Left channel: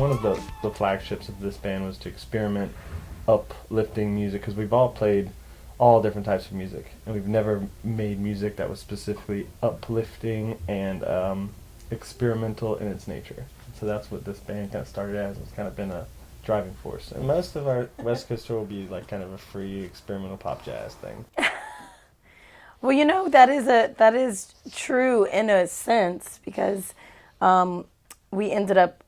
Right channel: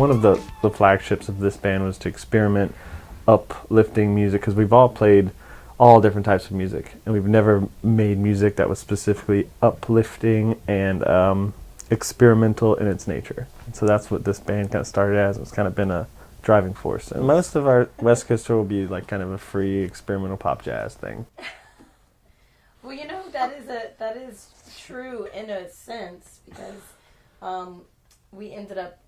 one of the flagships of this band was to experiment uplifting music, because we've all played all different types of music, and we've never made music that was specifically uplifting and experimental in its nature. And so that's what this band kind of started as. It's kind of been a driving force. And most of our West Coast tour will be like kind of a free experimental pop jazz thing. Well, you know, that is true in a sense, because we ended up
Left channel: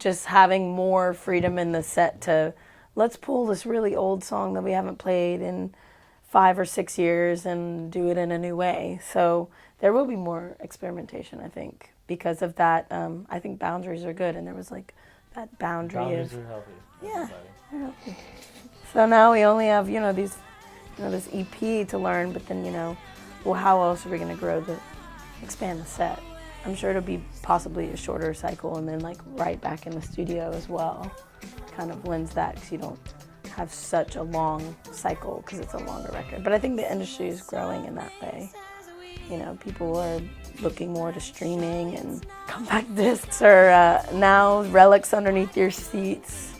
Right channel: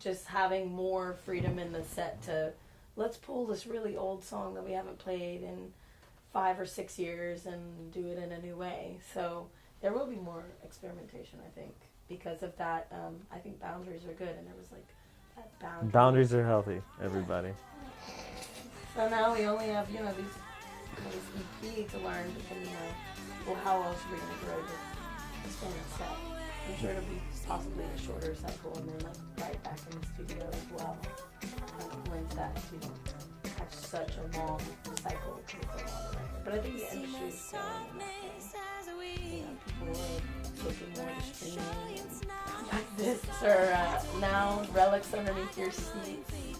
just having more freedom in the set to, let's pull this really old song that we haven't played in 5 or 6 years and do it in a new way. So there will be more experimentation, I think, because of that. I think boundaries are good, and there was like that boundary. Boundaries are healthy, everybody. Yeah. So now we only have, these, this EP to learn, but then, well, how else are we going to grow expand the set? I'm sure it'll be possibly a shorter cycle, and then like right back in the studio as well. Kind of blends that, because you don't have such a long cycle because it's a longer record. But I think the industry is growing in that way. People are looking more to streaming, and compact discs are now relics underneath your seats.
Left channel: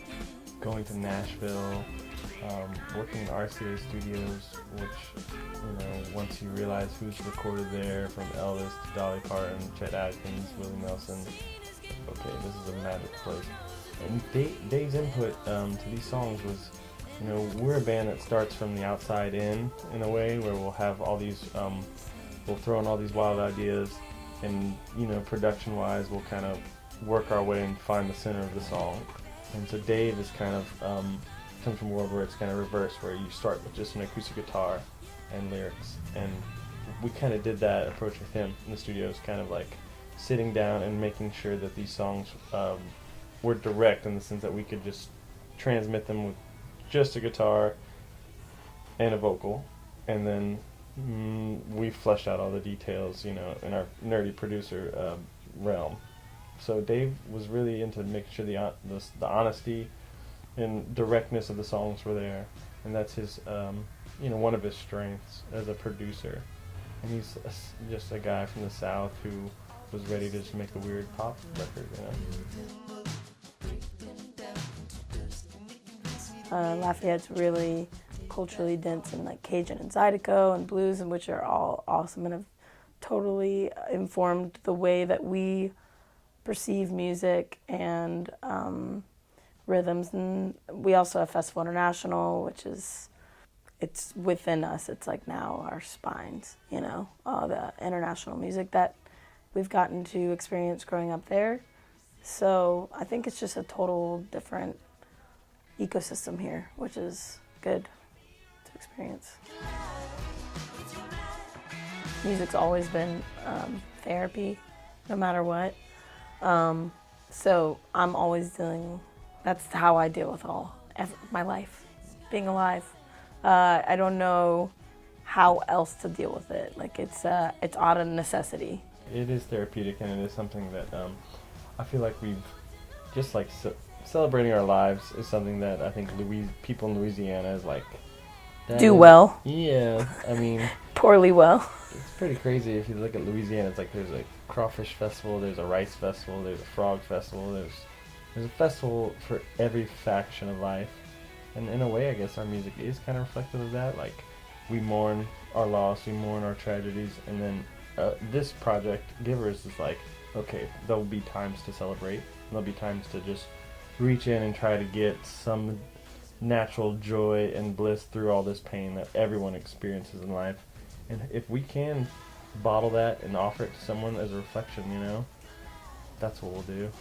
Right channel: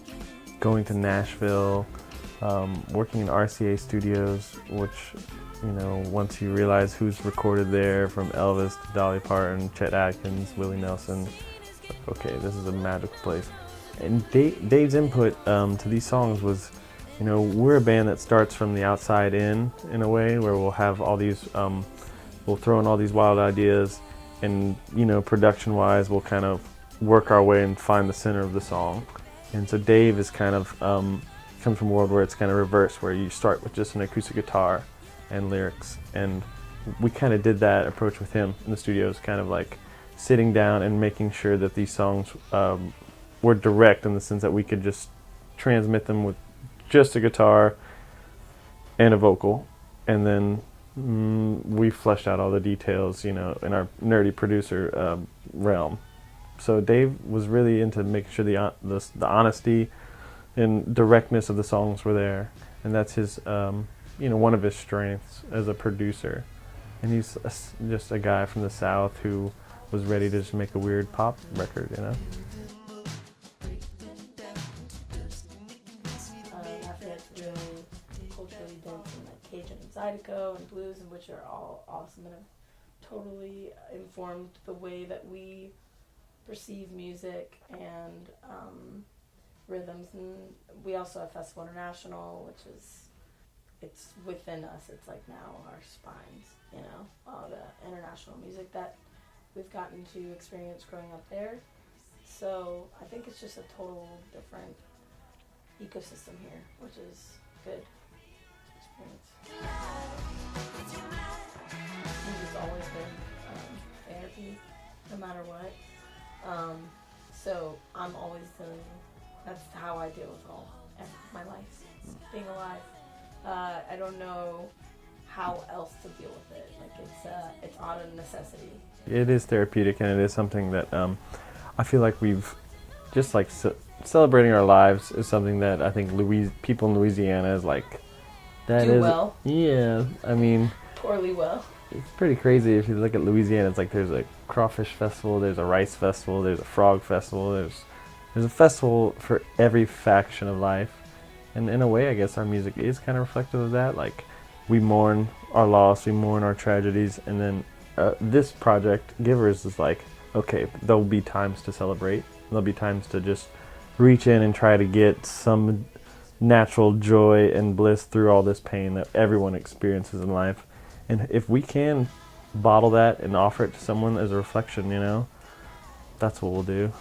Going to Nashville, working in RCA studios, which, once you realize who's recorded there, from Elvis to Dolly Parton, Chet Atkins, Willie Nelson, okay, this is a magical place. And Dave's input to these songs was, we're a band that starts from the outside in a way, where we'll have all these, we'll throw in all these wild ideas, and, production-wise, we'll kind of work our way and find the center of the song. And so Dave is kind of, comes from a world where it's kind of reversed, where you start with just an acoustic guitar and lyrics. And we kind of did that approach with him in the studios, kind of like sitting down and making sure that these songs were direct, in the sense that we could just transmit them with just a guitar and a vocal, and then we fleshed out all the details, in our nerdy producer realm. So Dave was really into making sure the honesty and directness of the songs were there, and that's his, one of his strengths as a producer. And he's just a guy from the South who was ready to just make a weird pop record, Lafayette's really culturally dense, and like Cajun and Zydeco and blues, and which are all awesome and have totally informed the way that we perceive music and rhythms. And we also have Festival International, which is, it's within us. It's like now our spines, all the international music that we've gotten to experience growing up there. So I think it's just a total different ecosystem here, which is good to experience. Music's always been therapy, no matter what. So I'm always that's how I deal with my life, being alive. I don't know how else to deal with it. Like it's out of necessity. It is therapeutic, and it is something that I feel like we've just like celebrating our lives is something that I think people in Louisiana is like do well. Yeah, I mean poorly well. It's pretty crazy if you look at Louisiana. It's like there's a crawfish festival, there's a rice festival, there's a frog festival, there's a festival for every faction of life. And in a way, I guess our music is kind of reflective of that. Like, we mourn our loss, we mourn our tragedies, and then this project, Givers, is like, okay, there'll be times to celebrate. There'll be times to just reach in and try to get some natural joy and bliss through all this pain that everyone experiences in life. And if we can bottle that and offer it to someone as a reflection, that's what we'll do.